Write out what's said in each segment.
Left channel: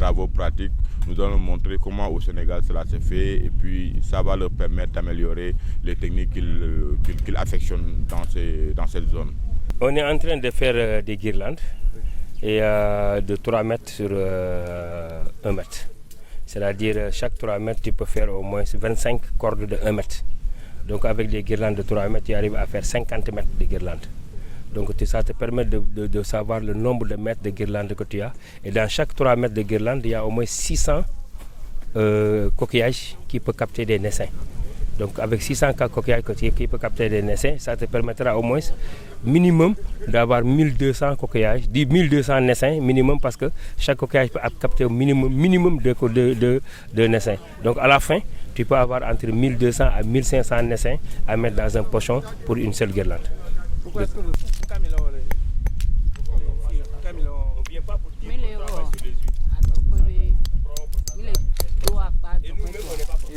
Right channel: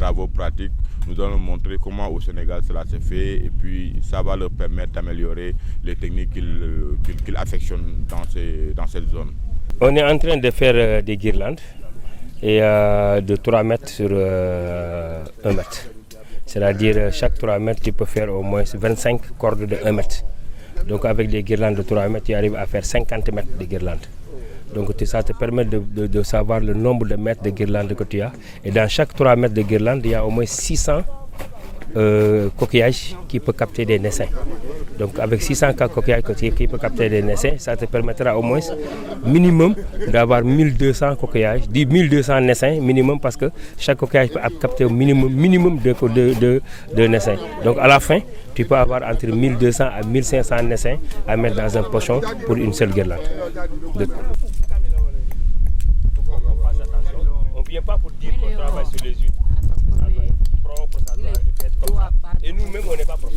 travaux pratiques, nous allons montrer comment au Sénégal cela se fait et puis ça va leur permettre d'améliorer les techniques qu'ils affectionnent dans cette zone. On est en train de faire des guirlandes et de 3 mètres sur 1 mètre. C'est-à-dire chaque 3 mètres, tu peux faire au moins 25 cordes de 1 mètre. Donc avec des guirlandes de 3 mètres, tu arrives à faire 50 mètres de guirlandes. Donc ça te permet de savoir le nombre de mètres de guirlandes que tu as. Et dans chaque 3 mètres de guirlande, il y a au moins 600 coquillages qui peuvent capter des naissains. Donc avec 600 coquillages qui peuvent capter des naissains, ça te permettra au moins minimum d'avoir 1200 coquillages, 1200 naissains minimum parce que chaque coquillage peut capter au minimum de naissains. Donc à la fin, tu peux avoir entre 1200 à 1500 naissains à mettre dans un pochon pour une seule guirlande. On ne vient pas pour dire qu'on travaille sur les huîtres. Et nous-mêmes, on n'est pas propres.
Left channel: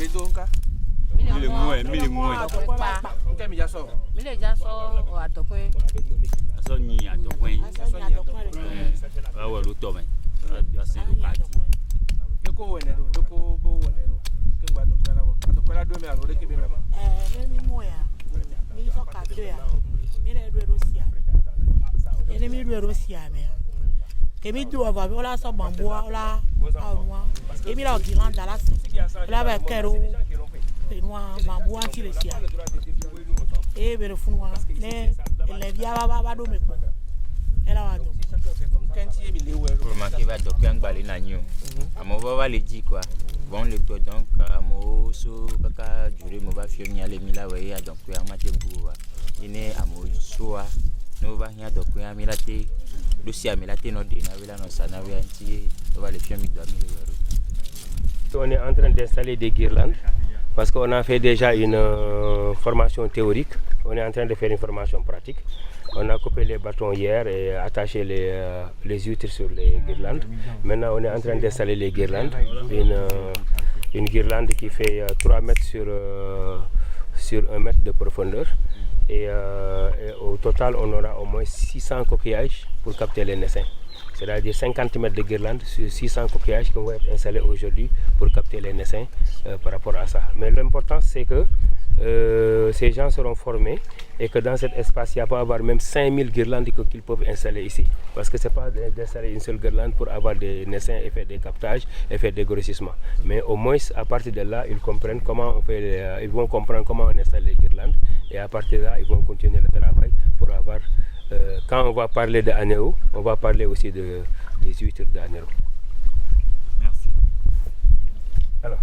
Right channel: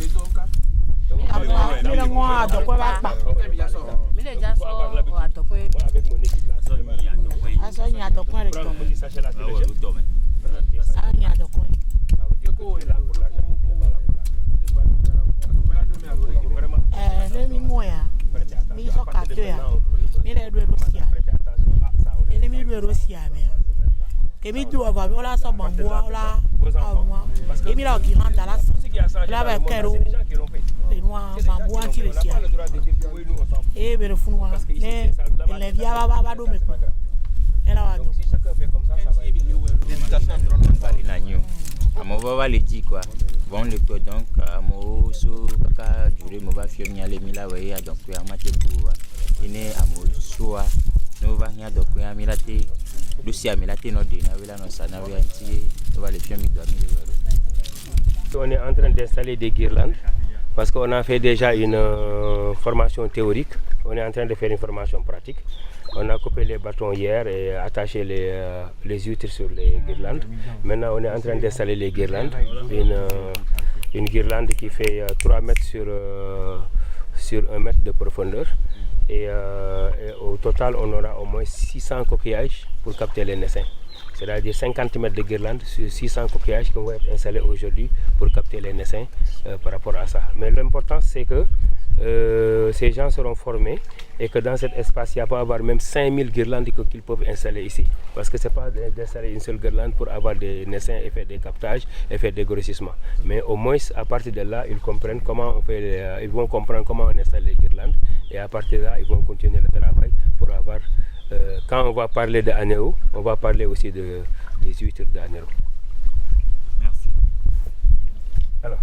Kemi do ava ola so bambu ola awa emi la guirlande la la ba kero e noa bambu anti le sia e bere funwa ne le via ba do meko ela wa do va do gangba ina nyu amo va le di quoi bon le to donc amo so kaka jure mo va fio nya le mila we ya donc ya mate buwa ine amo soa no va nya donc ya milate On est en train d'installer des guirlandes parce qu'on a fait déjà une formation théorique. On est en train de faire une formation pratique. On a coupé les bâtons hier et attaché les huîtres sur les guirlandes. Maintenant, on est en train d'installer les guirlandes. Une guirlande qui fait 3 mètres sur 1 mètre de profondeur. Et au total, on aura au moins 600 coquillages pour capter les naissains. C'est-à-dire 50 mètres de guirlande sur 600 coquillages qui vont être installés aujourd'hui pour capter les naissains par rapport à ça. Mais l'important, c'est que ces gens seront formés et que dans cet espace, il n'y a pas à avoir même 5000 guirlandes qu'ils peuvent installer ici. Parce que ce n'est pas d'installer une seule guirlande pour avoir des naissains et faire des captages et faire des grossissements. Mais au moins, à partir de là, ils comprennent comment on fait, ils vont comprendre comment on installe les guirlandes. Et à partir de là, ils vont continuer le travail pour avoir... quand on va parler d'Anéo, on va parler aussi des huîtres d'Anéo. Merci. Alors.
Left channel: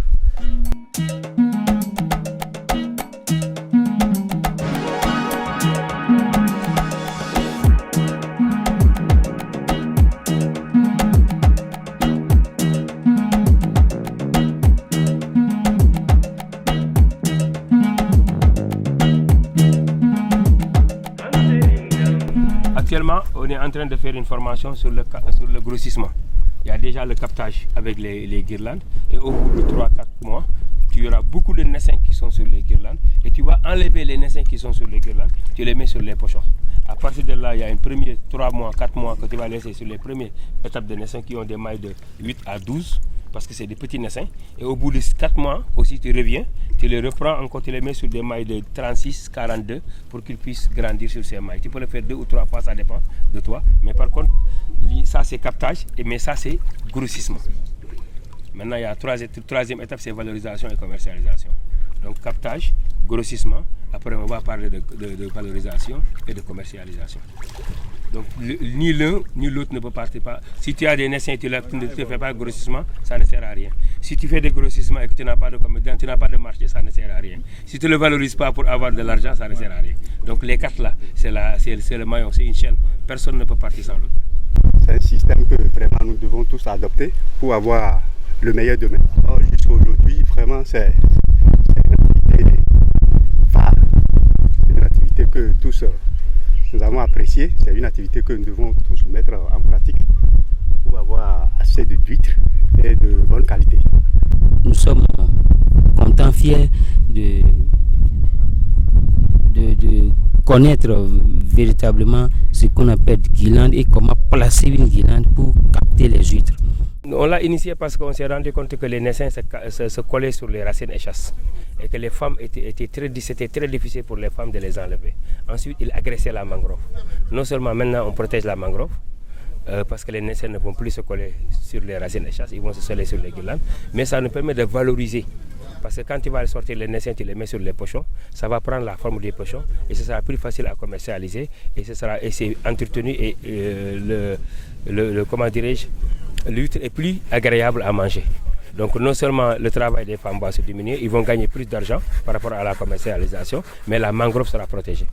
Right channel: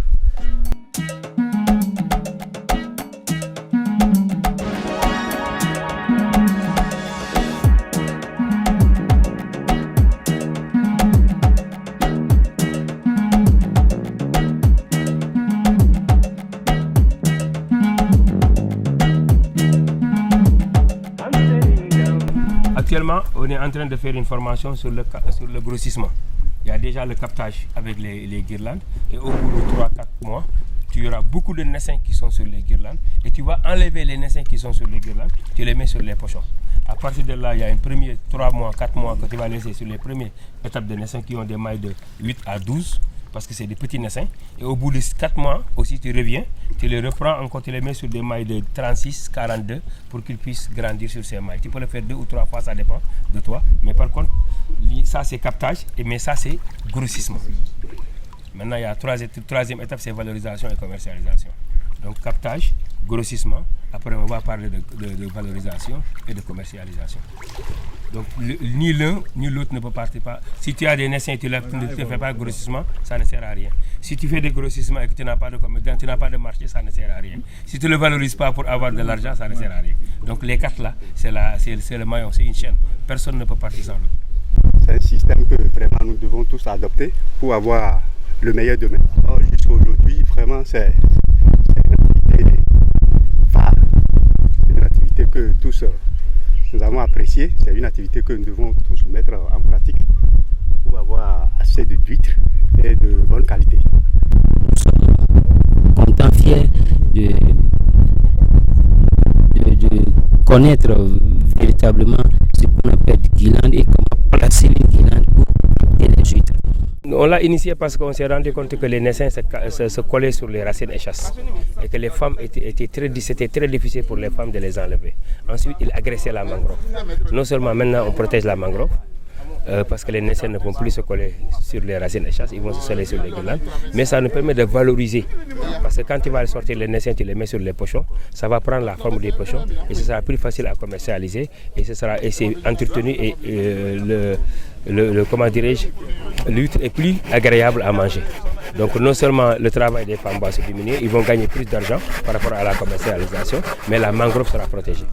Actuellement, on est en train de faire une formation sur le grossissement. Il y a déjà le captage avec les guirlandes et au bout de 3-4 mois, tu auras beaucoup de naissains qui sont sur les guirlandes et tu vas enlever les naissains qui sont sur les guirlandes, tu les mets sur les pochons. À partir de là, il y a une première 3 mois, 4 mois que tu vas laisser sur les premières étapes de naissance qui ont des mailles de 8 à 12 parce que c'est des petits naissins. Et au bout de 4 mois, aussi tu reviens, tu les reprends encore, tu les mets sur des mailles de 36, 42 pour qu'ils puissent grandir sur ces mailles. Tu peux le faire 2 ou 3 fois, ça dépend de toi. Mais par contre, ça c'est captage, mais ça c'est grossissement. Maintenant, il y a la troisième étape, c'est valorisation et commercialisation. Donc captage, grossissement, après on va parler de valorisation et de commercialisation. Donc ni l'un ni l'autre ne peut partir. Si tu as des naissins et tu ne fais pas de grossissement, ça ne sert à rien. Si tu fais des grossissements et que tu n'as pas de marché, ça ne sert à rien. Si tu ne le valorises pas pour avoir de l'argent, ça ne sert à rien. Donc les 4 là, c'est le maillon, c'est une chaîne. Personne ne peut partir sans l'autre. C'est un système que vraiment nous devons tous adopter pour avoir le meilleur demain. Jusqu'à aujourd'hui, vraiment, c'est une activité phare. C'est une activité que tous nous avons appréciée. C'est une activité que nous devons tous mettre en pratique pour avoir assez d'huîtres et de bonne qualité. Nous sommes contents, fiers de connaître véritablement ce qu'on appelle guirlande et comment placer une guirlande pour capter les huîtres. On l'a initié parce qu'on s'est rendu compte que les naissins se collaient sur les racines échasses et que les femmes c'était très difficile pour les femmes de les enlever. Ensuite, ils agressaient la mangrove. Non seulement maintenant on protège la mangrove, parce que les naissins ne vont plus se coller sur les racines échasses, ils vont se coller sur les guirlandes, mais ça nous permet de valoriser. Parce que quand tu vas sortir les naissins, tu les mets sur les pochons, ça va prendre la forme des pochons et ce sera plus facile à commercialiser et c'est entretenu et comment dirais-je, l'huître est plus agréable à manger. Donc non seulement le travail des femmes va se diminuer, ils vont gagner plus d'argent par rapport à la commercialisation, mais la mangrove sera protégée.